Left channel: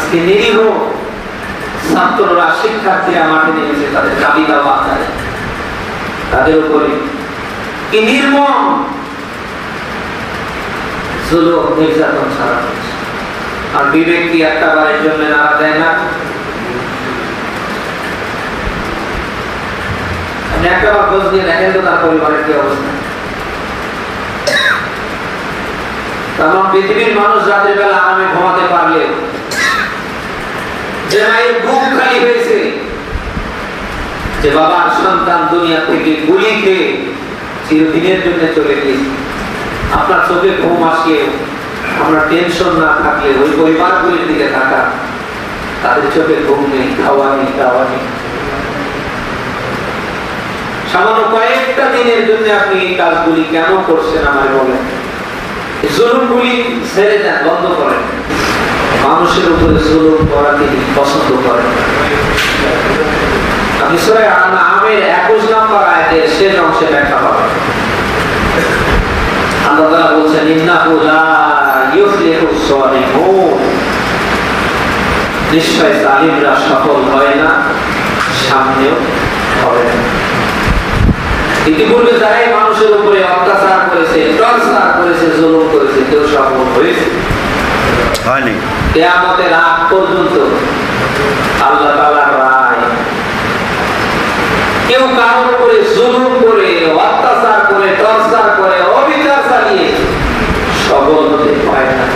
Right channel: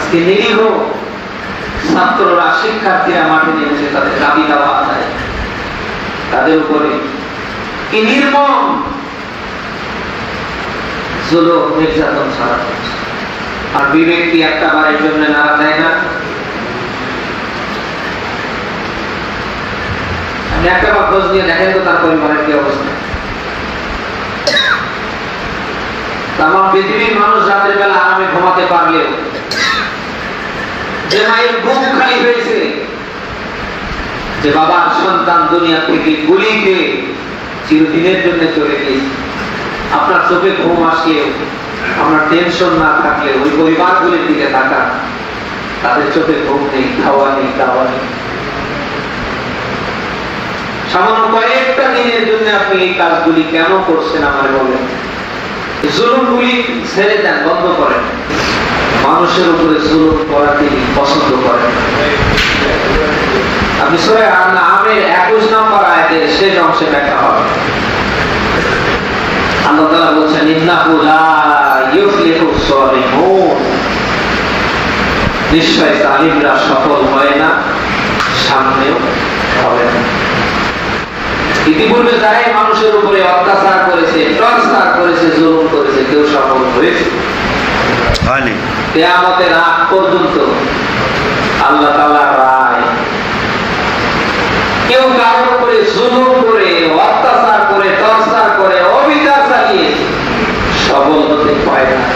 আজকে নিরীহ ছাত্ররা শিক্ষার্থীরা মাঠে নেমেছে তাদের দাবি দাওয়া আদায়, তাদের উপরে কি নির্মম জুলুম নির্যাতন ছাড়া হচ্ছে। আর বিবেক কি একটা বারের জন্য মারা যায় না? আপনি একটা বার খোঁজ নিয়ে দেখেন তো তার পরিবারের কি অবস্থা। তাম পৃথিবীর মানুষ রাতের বেলা আরামে ঘুমাতে পারলেও যে মায়ের বুক খালি হয়েছে, যে বাবার সন্তান দুনিয়া থেকে গুলি খেয়ে চিরদিনের জন্য চলে গিয়েছে, আপনার চোখে ঘুম আসলেও আপনার টেনশন না থাকলে ওই পরিবারগুলির দিকে থাকা, তাদের চোখে ঘুম নেই, খাওয়া নেই, দাওয়া নেই। সামান্য কয়েকটা দিনের জন্য আপনি এই কাজগুলি কেন করছেন আমার বলেন? জুলুমগুলি ছেড়ে যান, বন্ধ করেন। মানুষের উপরে জুলুম করা তিনি পছন্দ করেন। আপনি সূরা আনআমের 21 নম্বর আয়াতের শেষ অংশে দেখা হবে। আল্লাহ তাআলা বলছেন ইন্নাহু লা ইউফলিহুস সালিহুন, নিশ্চয় জালিমরা সফল হয় না, সামনেও হবে না। ইতিপূর্বে যারাই মানুষের উপরে অত্যাচার করেছে, টর্চার করেছে, জুলুম করেছে, কেউ সফল হয়েছে হয়নি। কিয়ামতের আগ পর্যন্ত আল্লাহ তাআলার রায়, কেউ কারোর উপরে জুলুম করে, অত্যাচার করে, টর্চার করে, অবিচার চালিয়ে সফল হতে পারে না,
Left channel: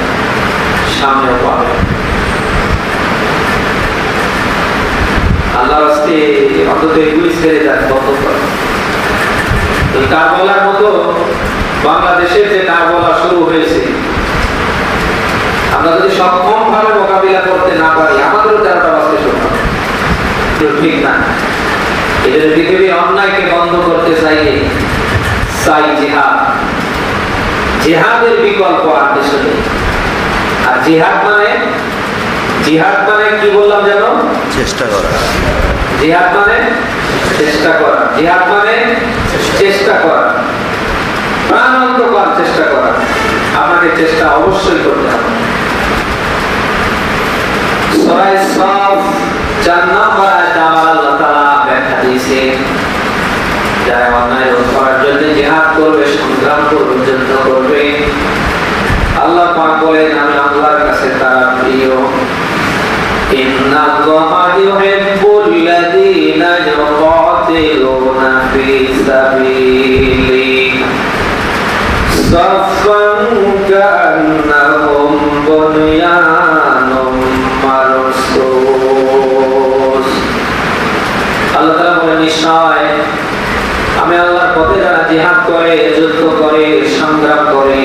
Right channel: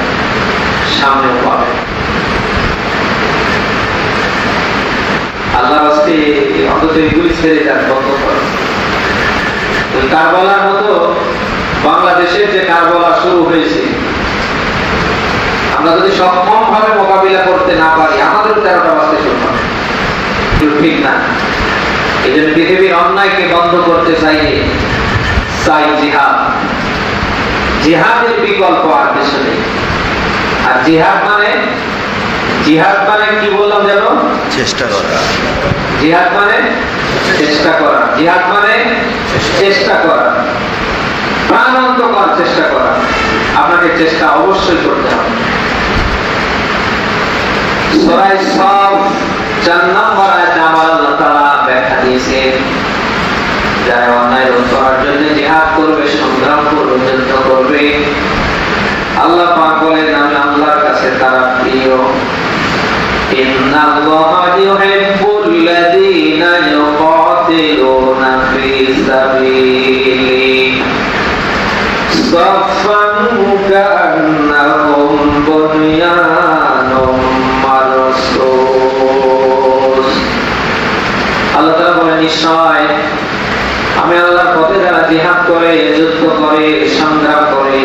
সামনেও পাবে। আল্লাহর হস্তে অন্তত এগুলি ছেড়ে যান, বন্ধ করে। এই কারবালার মতো বাংলাদেশের যে কারবালা শুরু হয়েছে, আমরা যদি সক্ষম ভাবে মোকাবিলা করতে না পারি, আমাদের 13টা বাজতে শুরু হবে, ঠিক না? এই জন্য পৃথিবীর অন্যায়কে বন্ধ করতে চাইলে চাই জিহাদ। জিহাদের বিকল্প আর কিছু নেই। আর জিহাদ মানে কি বললাম যেন? চেষ্টা করা। জিহাদ মানে চেষ্টা করা। জিহাদ মানে চেষ্টা করা, প্রাণান্তকর চেষ্টা করা। আপনাকে চেষ্টা অবশ্যই করতে হবে। সূরা সাফ 4 নম্বর আয়াতে আল্লাহ তাআলা ব্যাখ্যা দিয়েছেন, যারা অন্যায় রোধ করার জন্য জিহাদ করবে, সংগ্রাম করবে, যুদ্ধ করবে, আল্লাহ পাক বলেন আমি আল্লাহর কাছে তারা প্রিয়। ইন্নাল্লাহা ইউহিব্বুল্লাযীনা ইউকাতিলুনা ফী সাবিলিহি সাফফান কান্নাহুম বুনয়ানুম মারসুস। আল্লাহ তাআলা বলেন নিশ্চয় আমি আল্লাহর পথে যারা জিহাদ করে, যুদ্ধ করে, সংগ্রাম করে,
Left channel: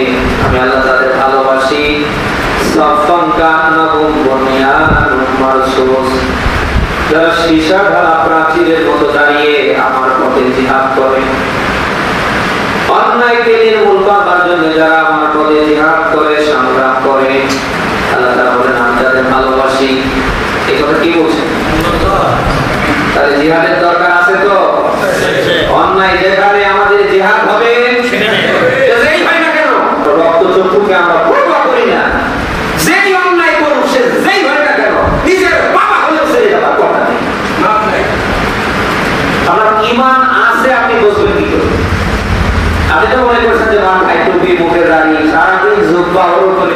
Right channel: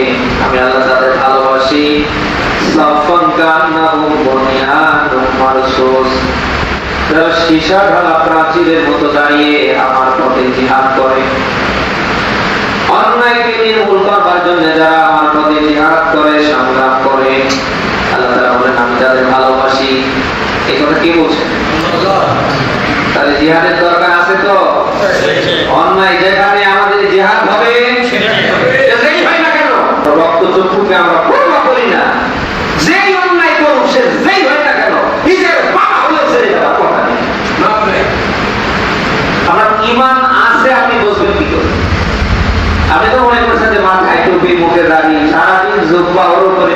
আমি আল্লাহ তাদের ভালোবাসি। সাফফান কান্নাহুম বুনয়ানুম মারসুস, যারা সীসা ঢালা প্রাচীরের মতো দাঁড়িয়ে আমার পথে জিহাদ করে। অন্যায়কে নির্মূল করবার জন্য যারা আমার পথে জিহাদ করে, সংগ্রাম করে, আল্লাহ তাআলা বলেন আমি তাদের ভালোবাসি। এই কথা কি বলছেন? তাহলে জিহাদের দরকার আছে তো? অন্যায় যেখানে আমাদের জিহাদ হবে, যেই হয় না কেন, রক্ত চক্ষুকে আমরা পরোয়া করি না। যেই অন্যায় করুক, সে যেই হয় না কেন, নিজের বাবা হলেও ছেড়ে যাওয়ার কথা নেই। আপনার ঈমান আছে, আপনি বুঝবেন কি করে? আপনি তো মনে করছেন যে মাথায় টুপি, মুখে দাড়ি, সারাদিন জুব্বা ওর করে,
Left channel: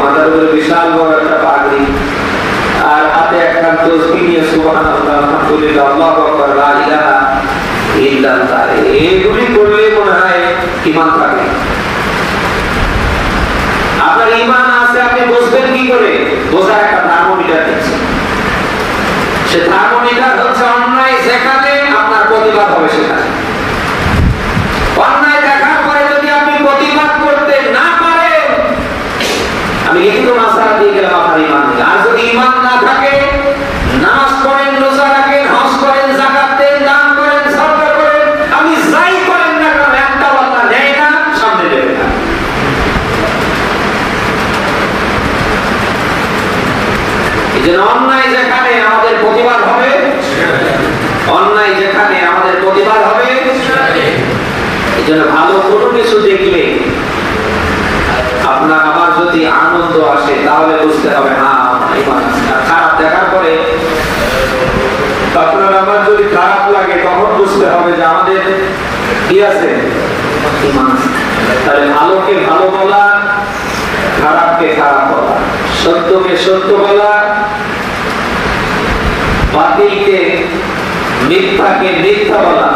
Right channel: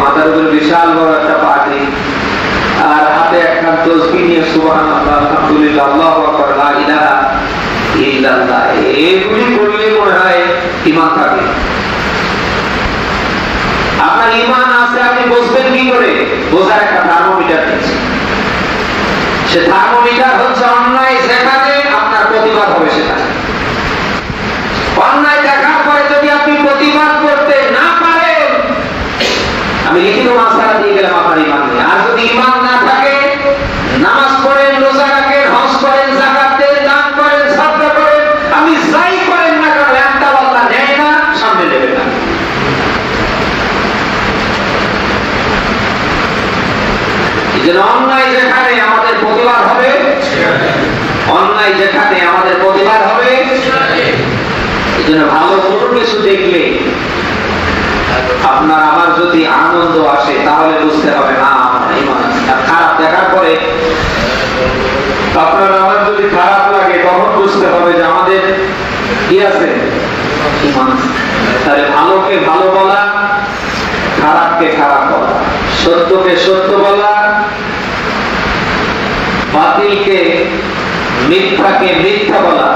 মাথার উপরে বিশাল বড় একটা পাগড়ি, আর হাতে একটা তসবিহ নিয়ে সুবহানাল্লাহ, আলহামদুলিল্লাহ, আল্লাহু আকবার, লা ইলাহা ইল্লাল্লাহ, এগুলি করলে মনে হয় ঈমান থাকে। আপনার ঈমান আছে, আপনি বুঝবেন কি করে? বোঝার একটা থার্মোমিটার দিচ্ছে। সে থার্মোমিটার হচ্ছে অন্যায় যেখানে আপনার প্রতিবাদ হবে সেখানে। অন্যায় দেখার পরে যদি আপনি প্রতিবাদ করতে না পারেন, আমি লিখিত মাসলা দিয়ে গেলাম আপনার ঈমান নেই। আর যদি ঈমান না থাকে, নামাজ পড়েন, রোজা রাখেন, হজ করেন, যাকাত দেন, দান করেন, সাদকা করেন, আপনি যাই করেন না কেন, একটা আল্লাহ নেয় না, সামনে দেবে না। এই জন্য অন্যায় যেখানে আমাদের প্রতিবাদ হবে, অন্যায় যেখানে আমাদের প্রতিবাদ হবে, এই জন্য ভালো কোনো কিছু দেখলে আপনার আমার যদি আনন্দ আসে, তাহলে বুঝতে হবে না আমার ঈমান আছে? ঈমান। তাহলে ভালোকে ভালো বলা, খারাপকে খারাপ বলা, সত্যকে সত্য বলা, বাতিলকে মিথ্যাকে মিথ্যা বলা,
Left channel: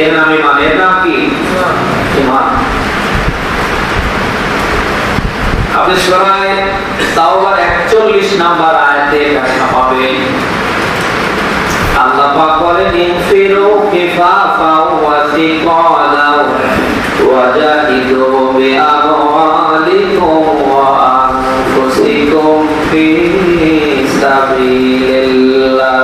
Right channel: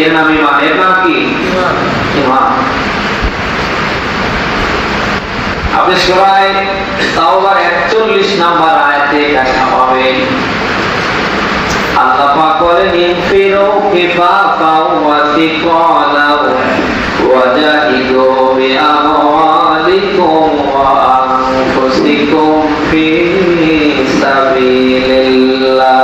এর নাম ঈমান। এর নাম কি? ঈমান। আপনি সূরা তাওবার 41 নম্বর আয়াতে ব্যাখ্যা পাবেন। আল্লাহ পাক বলেন ইনফিরু কিফাফাও ওয়া সিকালাও ওয়া জাহিদু বিআমওয়ালিকুম ওয়া আনফুসিকুম ফি সাবিলিল্লাহ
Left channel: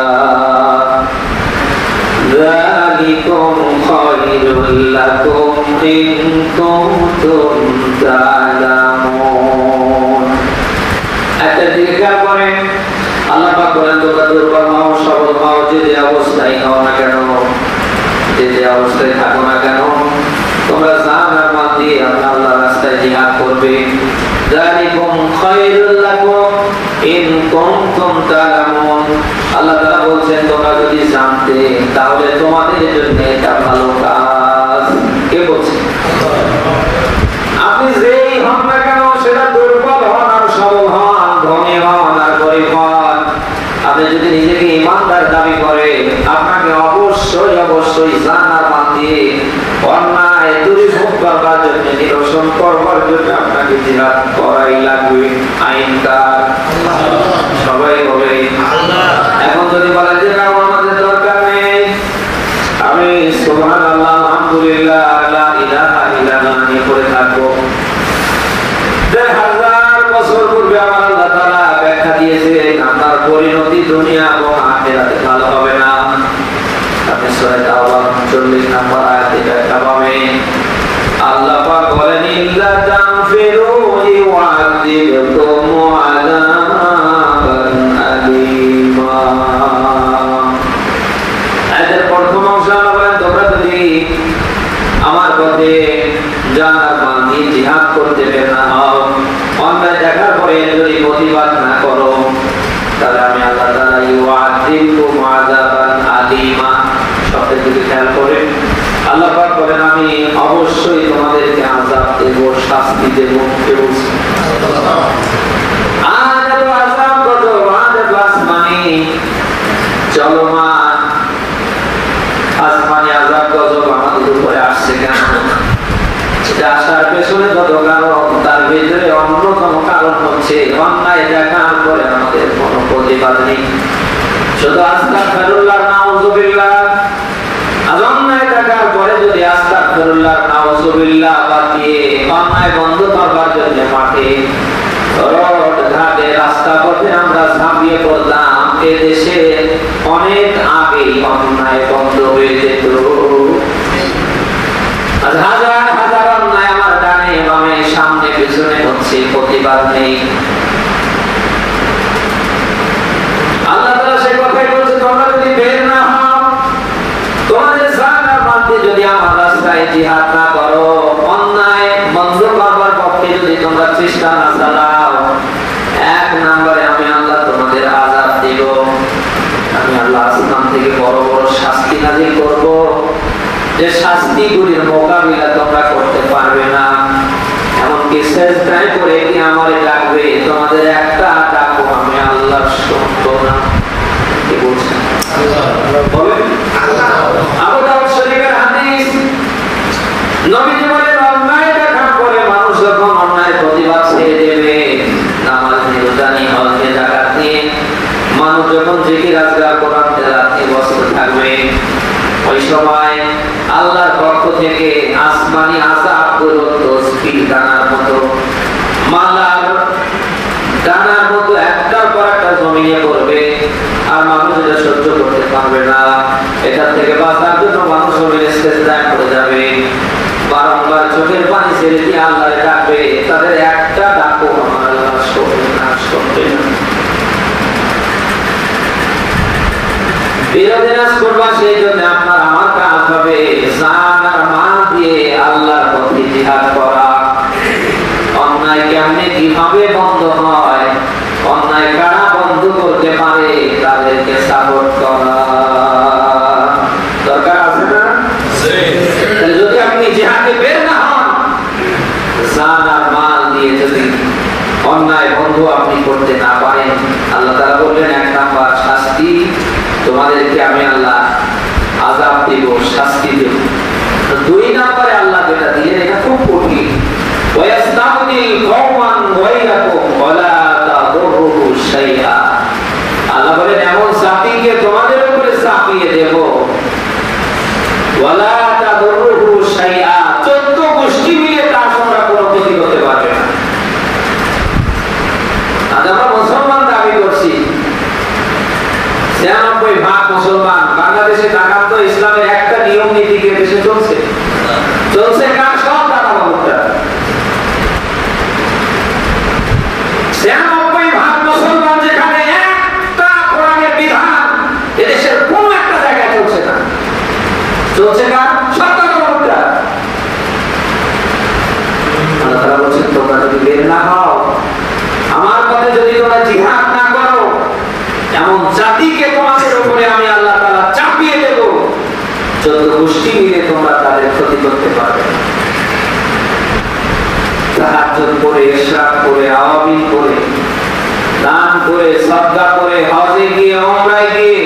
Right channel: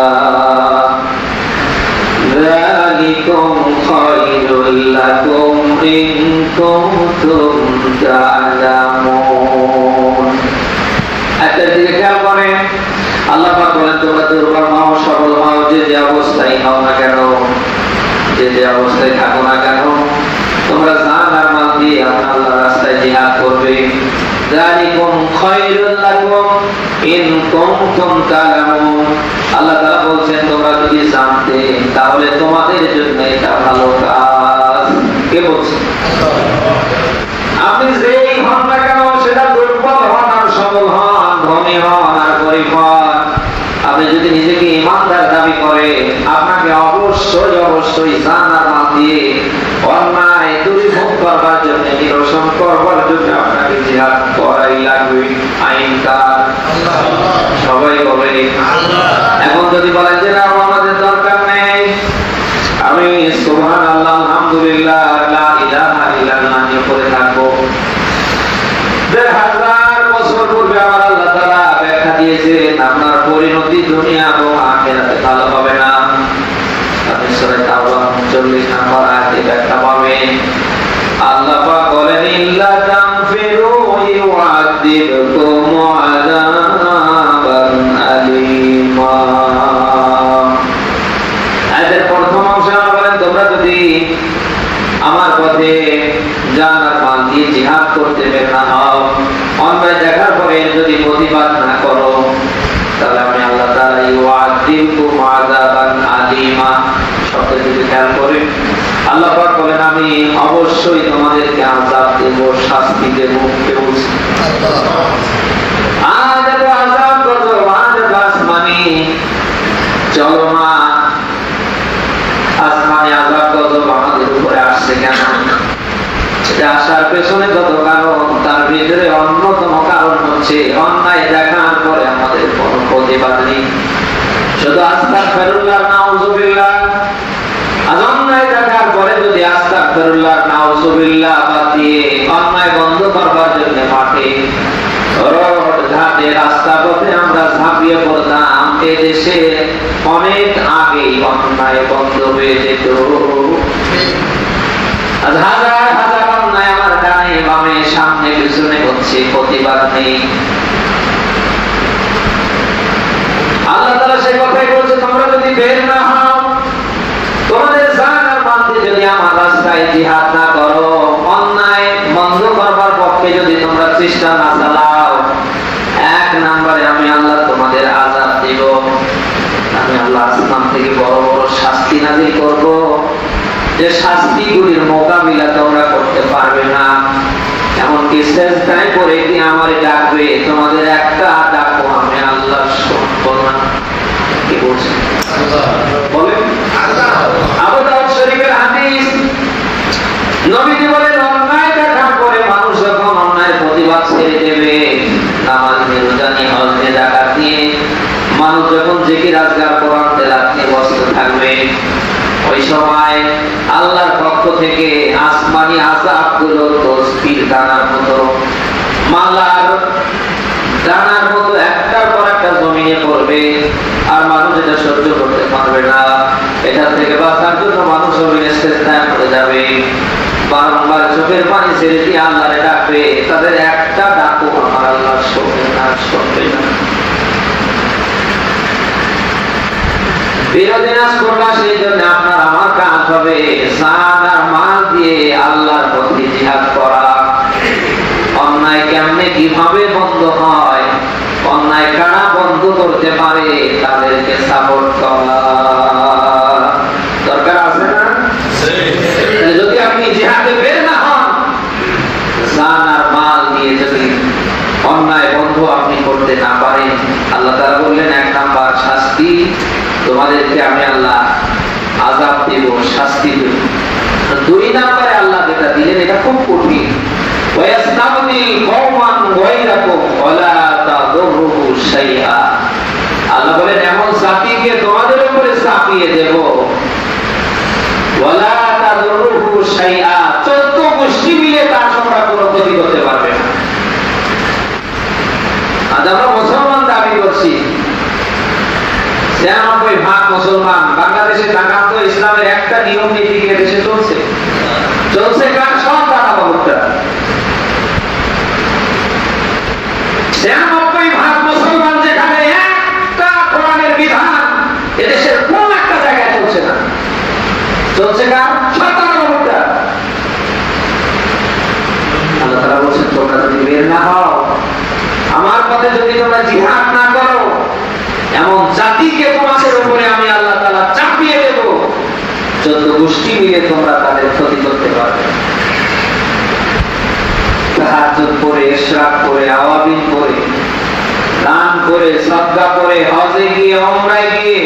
যালিকুম খায়রুল লাকুম ইন কুনতুম তা'লামুন। একটা দিকে খেয়াল করেন, আল্লাহ পাক বলেন তোমরা দুর্বল হও, সবল হও, যে অবস্থায় হও না কেন, যে অবস্থায় থাকো না কেন, তোমরা জান আর মাল দিয়ে আল্লাহর রাস্তায় জিহাদ করবে। যালিকুম খায়রুল লাকুম ইন কুনতুম তা'লামুন। আল্লাহ তাআলা বলছেন তোমরা যদি জানতে তাহলে তোমাদের জন্য এটা ভালো কাজ। কে বলছে? আপনি যেই হন না কেন, সেটা দুর্বল হন আর সবল হন, ধনী হন আর গরিব হন, আপনি যদি নিজেকে ইমানদার দাবি করে, আপনাকে অবশ্যই অবশ্যই জান আর মাল দিয়ে অন্যায় দূরীভূত করবার জন্য, নিরসন করবার জন্য আপনাকে জিহাদ করাই লাগবে। আইনকার সবাই হবে। এখন যদি বলেন যে না আমাদের দরকার নেই, আমি সুবহানাল্লাহ আলহামদুলিল্লাহ লা ইলাহা ইল্লাল্লাহ নিয়ে পড়ে থাকবো, 1000 বছর পূর্বে আমার আল্লাহ তাআলা ব্যাখ্যা দিয়েছিলেন আপনার পরিণতি দুনিয়া এবং আখিরাতে ভালো হবে না। আপনি সূরা তাওবা 40 নম্বর আয়াতে ব্যাখ্যা পাবেন। আল্লাহ পাক বলেন ইল্লা তানফিরু ইউআযিবকুম আযাবান আলীমা। আয়াতের প্রথম অংশে আল্লাহ বলেন তোমরা যদি আমার পথে জান্নাত মান দিয়ে জিহাদ করতে বের না হও, অন্যায় দেখার পরে যদি প্রতিবাদ না করো, তাহলে আমি আল্লাহ তাআলা ইউআযিবকুম আযাবান আলীমা শব্দের দিকে খেয়াল করে আল্লাহ পাক বলেন আমি অবশ্যই তোমাদেরকে আযাব দেব, শাস্তি দেব। কে বলছে? আযাব আযাব কত আযাব আসমানি চলমান, আসমানি আযাব কত আমাদের উপরে আসছে কেন? এটা আসার পেছনে কত কারণ, তার ভিতরে অন্যতম কারণ হচ্ছে অন্যায় দেখার পরে আমাদের কোনো প্রতিবাদ নেই। শুধু আস্তাগফিরুল্লাহ নাউযুবিল্লাহ, আর অন্যায় দেখার পরে যদি আস্তাগফিরুল্লাহ নাউযুবিল্লাহ বাদ দিয়ে অন্যায় বন্ধ করবার জন্য মাঠে রোড ঘাটে রাস্তা পথে আমরা ঝাঁপিয়ে পড়তাম, এ দেশে অনেক আগেই অন্যায় বন্ধ হয়ে যেত। হাজার হাজার অন্যায় আমার ডানে বামে সামনে পিছনে হচ্ছে, প্রতিবাদ নেই। আল্লাহ তাআলা সেই কথাই বলছে তোমরা যদি বের না হও, তোমাদের জান আর মাল দিয়ে যদি আমার রাস্তায় জিহাদ না করো, অন্যায় বন্ধ করবার পক্ষে যদি তোমরা চেষ্টা না চালাও, 1 নম্বরে আমি আল্লাহ তোমাদের আযাব দেব। আমি আল্লাহ আসমান থেকে বড় বড় শাস্তি নাযিল করব, যে শাস্তিগুলির মোকাবিলা তোমরা করতে পারবে না। এমনকি সেজদায় পড়ে কি আমারে ডাকবে, তোমাদের একটা ডাকো আমি আল্লাহ শুনবো না। কি বলছেন? বলেন আবু দাউদ শরীফের হাদিস, নবীজি বলেন অন্যায় দেখার পরে মানুষ যখন অন্যায়ের প্রতিবাদ ছেড়ে দেবে, নামাজ নিয়ে রোজা নিয়ে হজ নিয়ে যাকাত নিয়ে মানুষ যখন জিকির আজকার কোরআন তেলাওয়াত নিয়ে ব্যস্ত থাকবে, ওই সময় আল্লাহর পক্ষ থেকে আসমানি আযাবগুলো তসবিহ দানার মতো, মালার দানার মতো একটার পর একটা জমিনে পড়বে, আর মানুষ এটা সহ্য করতে পারবে না। এটা থেকে বাঁচার জন্য মানুষ সেজদায় পড়ে যাবে, বারংবার চোখের পানি ছেড়ে দিয়ে আল্লাহরে ডাকবে, তাদের একটা ডাকও আমার আল্লাহ শুনবে না, শুনবে না। বিরোধিতা করবা, সেই জন্য আপনার আমার কাজ হবে জান আর মাল দিয়ে আল্লাহর পথে জিহাদ করা। অন্যায় কেমনে কিভাবে বন্ধ হয়, অন্যায় কারা বন্ধ করতে পারে, তাদেরকে সাপোর্ট করা দরকার আছে না? আপনি করতে না পারেন, আল্লাহ তাআলা বললেন 1 নাম্বার শাস্তি, তোমাদেরকে আমি আল্লাহ আযাব দেব, শাস্তি দেব। 2 নম্বরে আল্লাহ যেটা দিলেন এটা খুব কঠিন, ওয়ায়াস্তাবদিল কওমান গায়রাকুম ওয়ালা তাদুররুহু শাইআ। আল্লাহ বলেন এমন জাতিকে তোমাদের উপরে চাপিয়ে দেব, ওয়ালা তাদুররুহু শাইআ, 14 গোষ্ঠী মিলে তার তোমরা কোনো ক্ষতি করতে পারবে না। আজ আমরা মুসলমান দাবি করছি, 96% মুসলমান। বাংলাদেশে জানাম তো ইসলামের একটা নিয়ম নীতি কি দেশে চলছে? চলছে কার? সব দাদা বাবুরা। 96% মুসলমান, যেখানে একটা কোরআনের বিধান এদেশের কোন একটা জায়গায় চলছে না। চলছে কার? সব দাদা বাবুরা। আল্লাহ তাআলা বলেন তোমরা যদি বের না হও, আমার পথে যদি তোমরা জিহাদ না করো, এমন জাতিকে তোমাদের উপরে আমি আল্লাহ তাআলা চাপিয়ে দেব, 14 গোষ্ঠী মিলে তোমরা তাদের ক্ষতি করতে পারবে। তাহাজ্জুদ করে, ইশরাক করে, আওয়াবিন করে, দান করে, সাদকা করে, হজে গিয়ে, উমরায় গিয়ে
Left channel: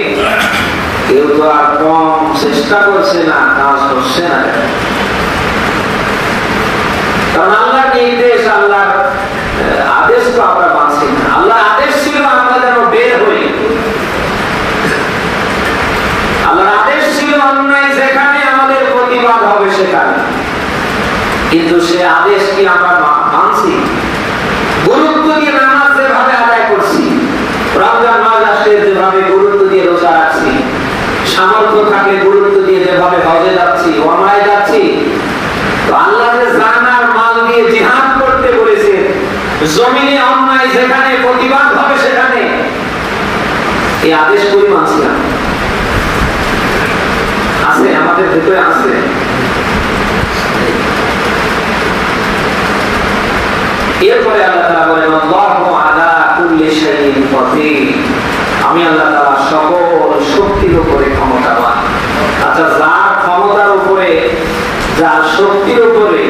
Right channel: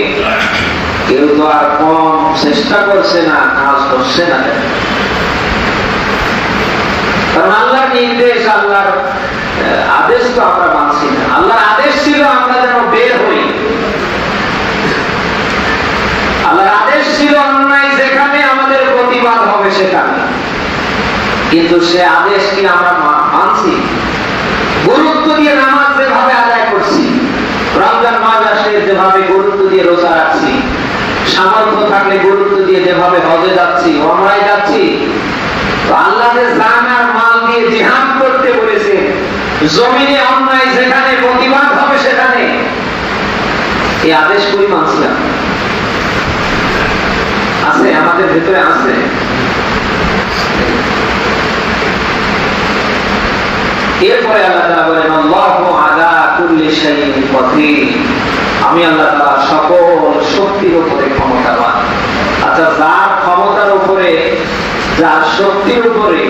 কেউ তো আর কম চেষ্টা করছে না, কাজ করছে না। কারণ আল্লাহর নির্দেশ, আল্লাহর আদেশ তো আমরা মানছি না। আল্লাহর আদেশ ছিল আমরা যেন বের হই, আল্লাহর আদেশ ছিল অন্যায় যেখানে আমাদের প্রতিবাদ হবে সেখানে, কিন্তু সে আদেশ কি আমরা মানছি? গুরুত্ব দিয়ে নামাজ যেভাবে আদায় করছি, রমজান মাস আসলে যেভাবে গুরুত্ব দিয়ে রোজা রাখছি, সামর্থ্য থাকলে গুরুত্ব দিয়ে যেভাবে হজে যাচ্ছি, উমরায় যাচ্ছি, তো আল্লাহ যে জান আর মাল দিয়ে জিহাদ করতে বলেছে, জমিনে অন্যায় যেখানে প্রতিবাদ হবে সেখানে, এই আদেশ করি মানছি না। আছে আমাদের ভিতরে আছে। এরপরে আল্লাহ তাআলা বলেন আল্লাহু আলা কুল্লি শাইইন কাদির, আমি আল্লাহ তাআলা সকল শক্তির উপরে ক্ষমতাবান। আচ্ছা, যার ক্ষমতার উপরে, যার শক্তির উপরে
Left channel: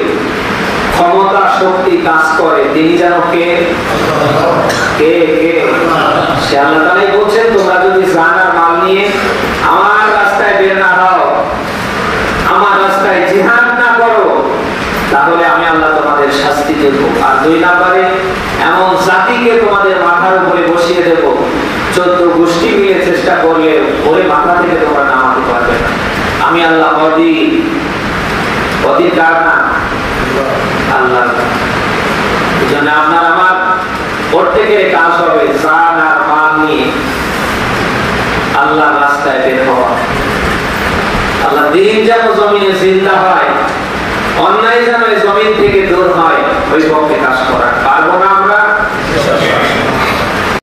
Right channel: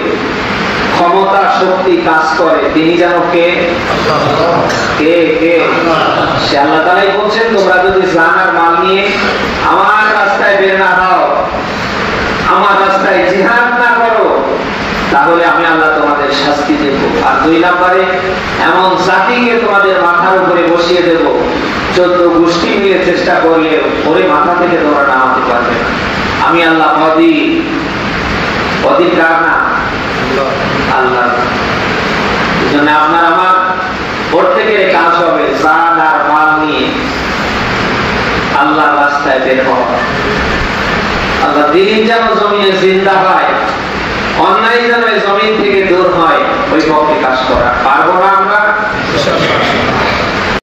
ক্ষমতা শক্তি কাজ করে, তিনি যেন কে? কে কে? সে আল্লাহ তাআলাই বলছেন তোমরা যদি জান আর মাল নিয়ে আমার রাস্তায় বের না হও, আমার রাস্তায় জিহাদ না করো, তাহলে আমি আল্লাহ তোমাদের শাস্তি দেব। আর 2 নম্বরে এমন জাতিকে তোমাদের মাথার উপরে বসিয়ে দেব, 14 গোষ্ঠী মিলে চেষ্টা করলে ওরে মাথা থেকে তোমরা নামাতে পারবে না। আমি আল্লাহ অধীন কার না? আল্লাহ। এই জন্য আপনার আমার প্রত্যেকের কাজ হবে জান আর মাল নিয়ে আল্লাহর রাস্তায় বের হওয়া। আল্লাহ দিন যেন জমিনে জিন্দা হয়, অন্যায় যেন জমিন থেকে দূর হয়, ওই পক্ষে কাজ করা।